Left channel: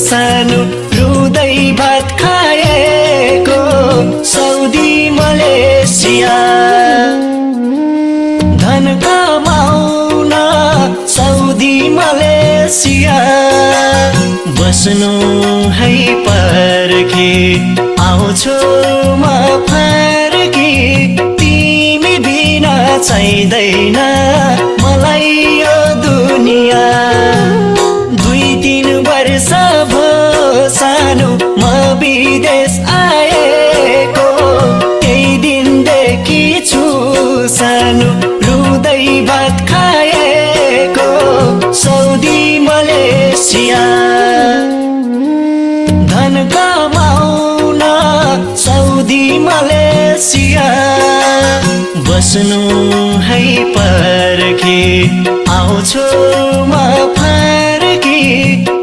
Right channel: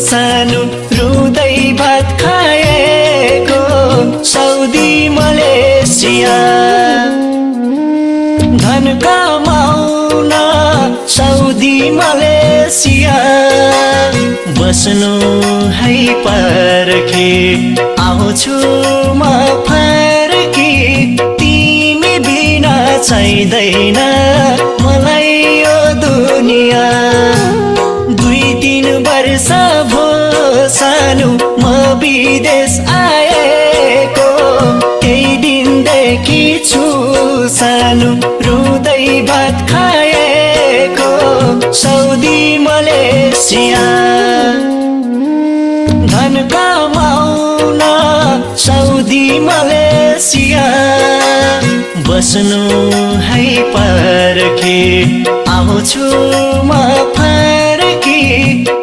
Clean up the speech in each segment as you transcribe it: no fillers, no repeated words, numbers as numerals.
सानो रुँदै भात खाएको साउदी मलेसिया धन कमाउन साउदी मलेसिया बस्नु है पर्खे आउँछु म फर्की तिमी बिना चाहिँदैन मलाई यो दुनिया 2-3 वर्ष भयो सानो म विदेश आएको केही दिनदेखि छु सानो रुँदै भात खाएको साउदी मलेसिया धन कमाउन साउदी मलेसिया बस्नु है पर्खे आउँछु म फर्की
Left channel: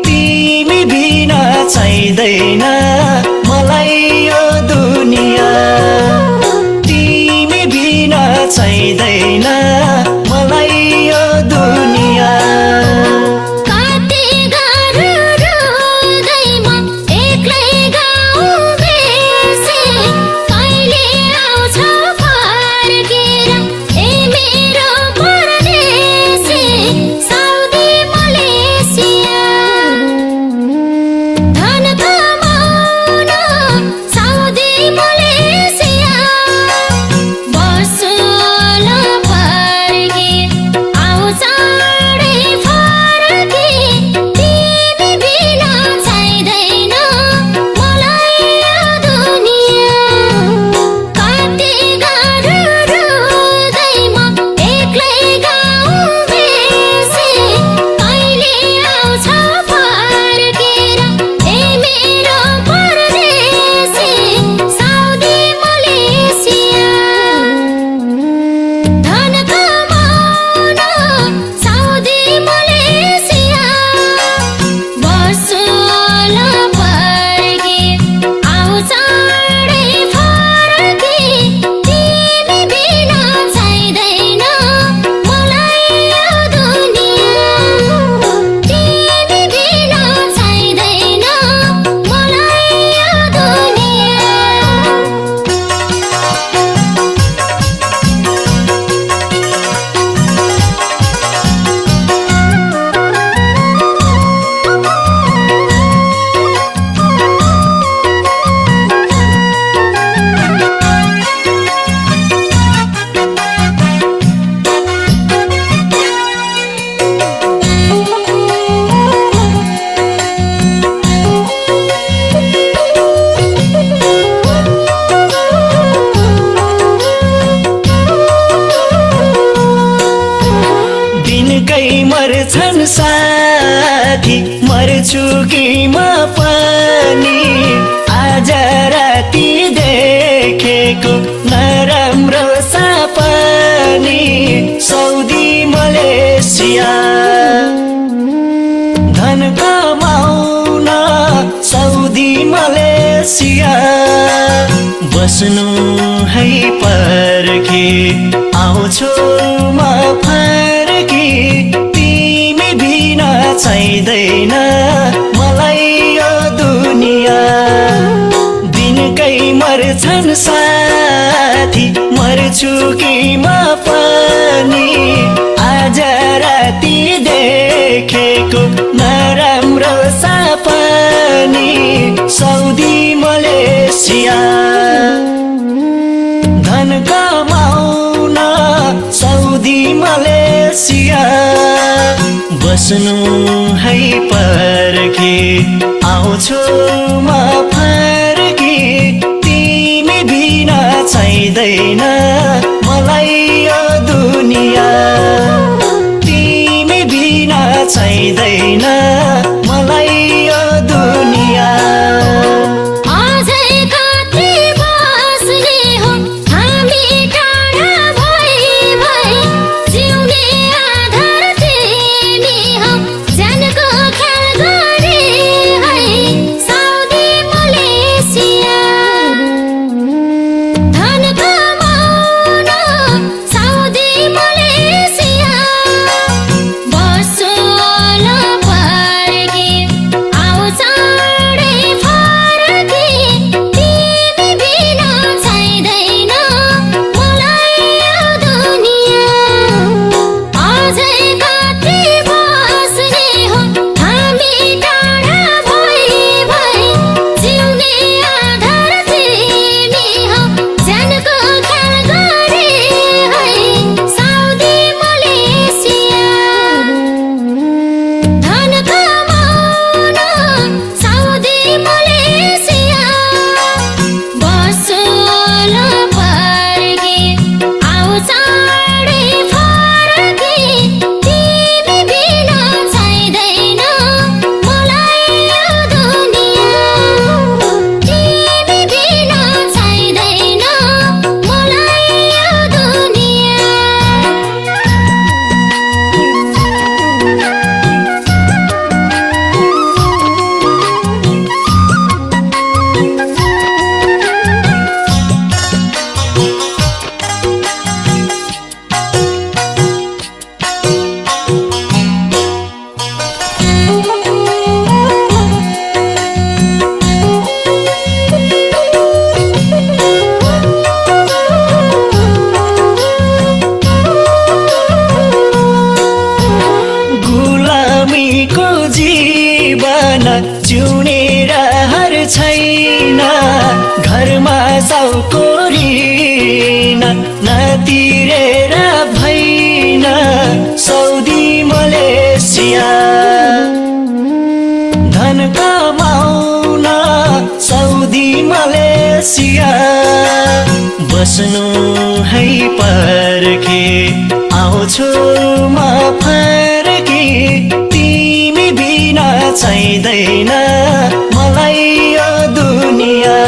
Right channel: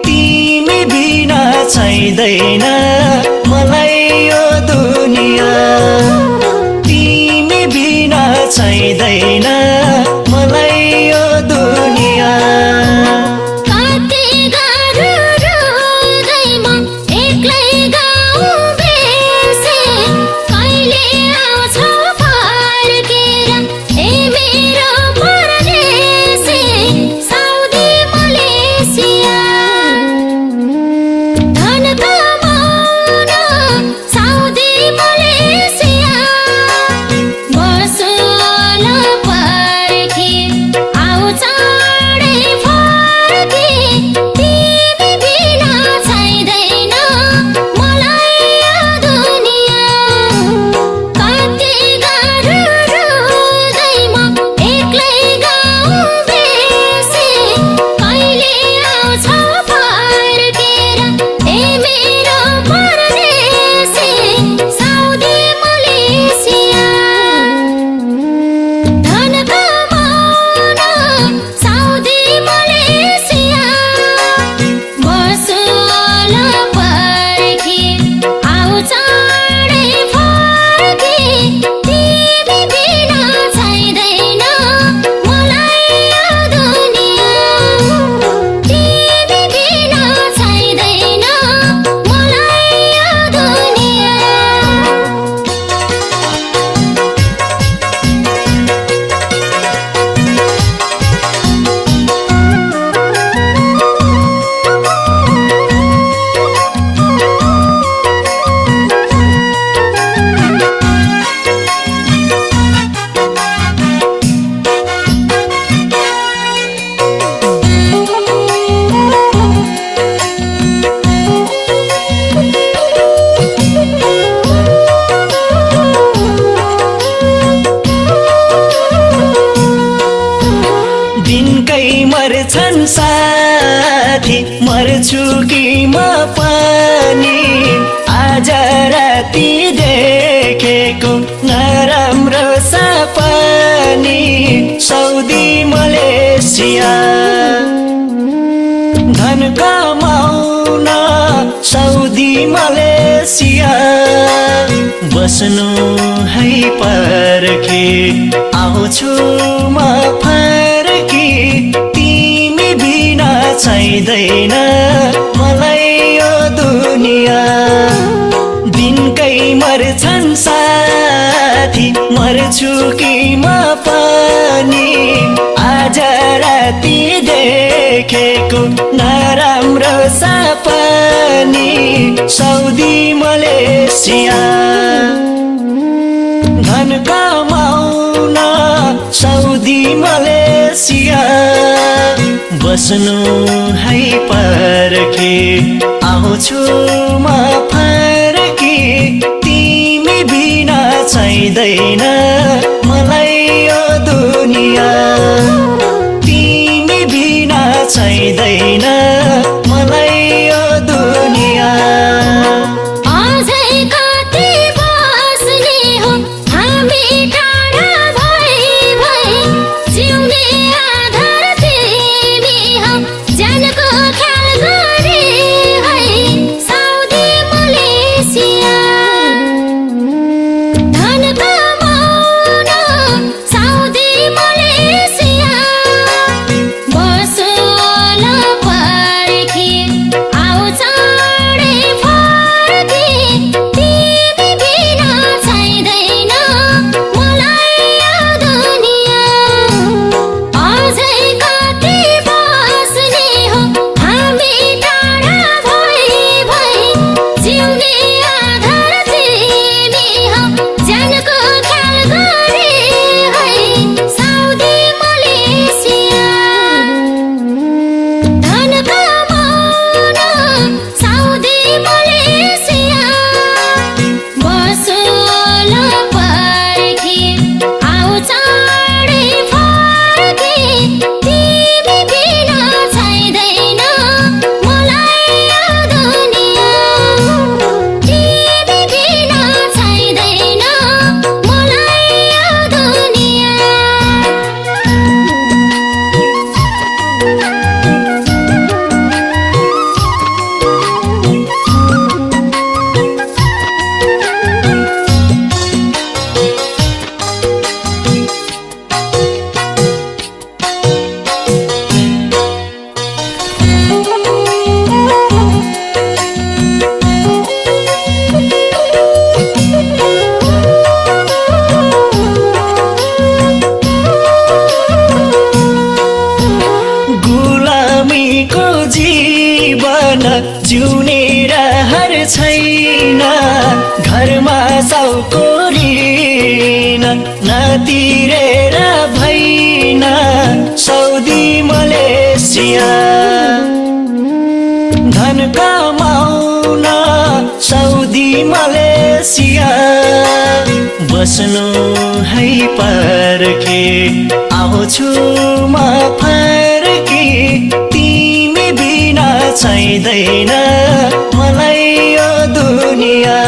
तिमी बिना चाहिँदैन मलाई यो दुनिया तिमी बिना चाहिँदैन मलाई यो दुनिया मर्छन् साथी मर्छु कि म पनि आज राति देखेको नराम्रो सपनी साउदी मलेसिया धन कमाउन साउदी मलेसिया बस्नु है पर्खे आउँछु म फर्की तिमी बिना चाहिँदैन मलाई यो दुनिया दिनकै मर्छन् साथी मर्छु कि म पनि आज राति देखेको नराम्रो सपनी साउदी मलेसिया धन कमाउन साउदी मलेसिया बस्नु है पर्खे आउँछु म फर्की तिमी बिना चाहिँदैन मलाई यो दुनिया तिमी बिना चाहिँदैन मलाई यो दुनिया Malaysia, Bosolo, गुलामीको जीवन जिउने रहर छैन घरमा साउकोरिन नतिरेर भइन सौदी मलेसिया धन कमाउन सौदी मलेसिया बस्नु है पर्खे आउँछु म फर्की तिमी बिना चाहिँदैन मलाई यो दुनिया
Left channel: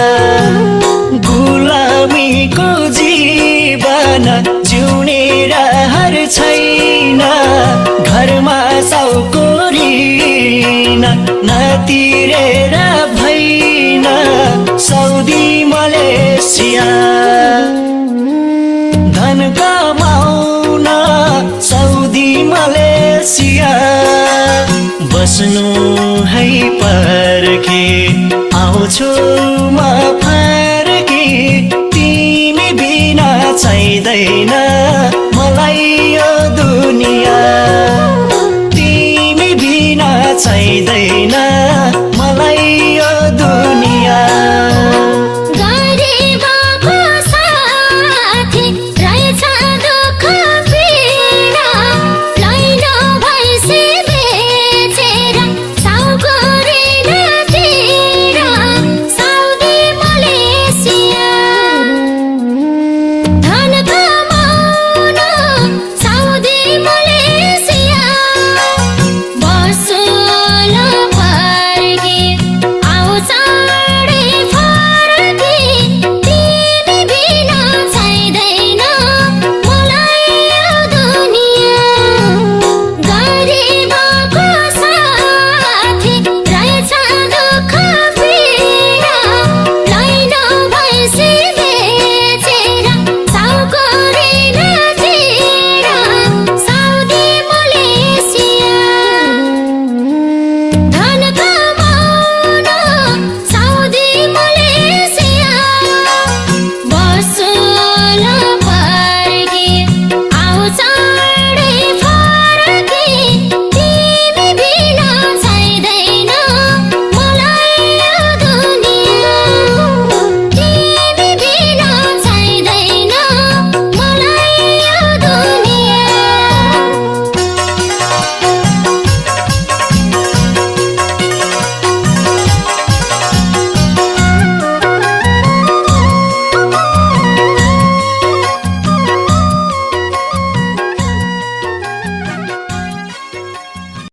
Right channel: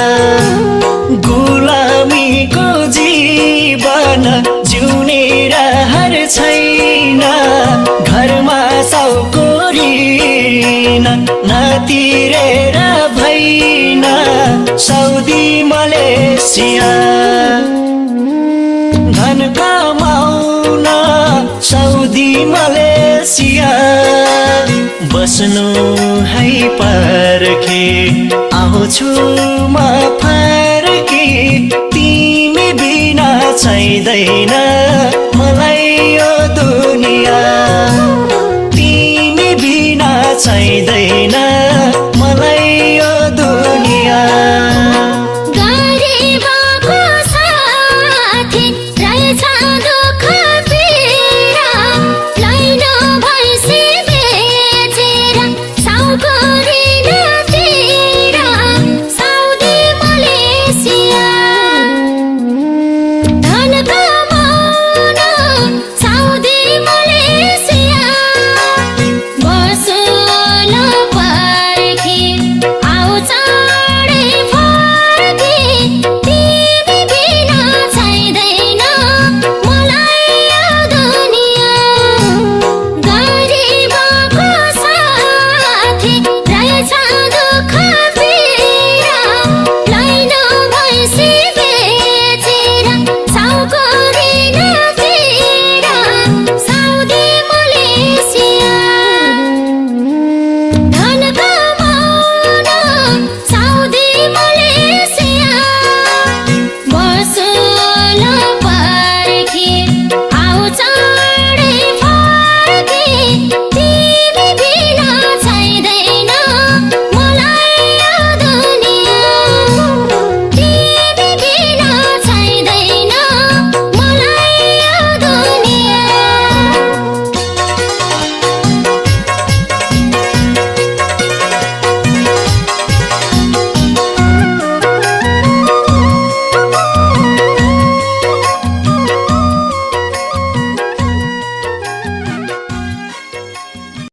गुलामीको जीवन जिउने रहर छैन घरमा साउकोरिन नतिरेर भइन सौदी मलेसिया धन कमाउन सौदी मलेसिया बस्नु है पर्खे आउँछु म फर्की तिमी बिना चाहिँदैन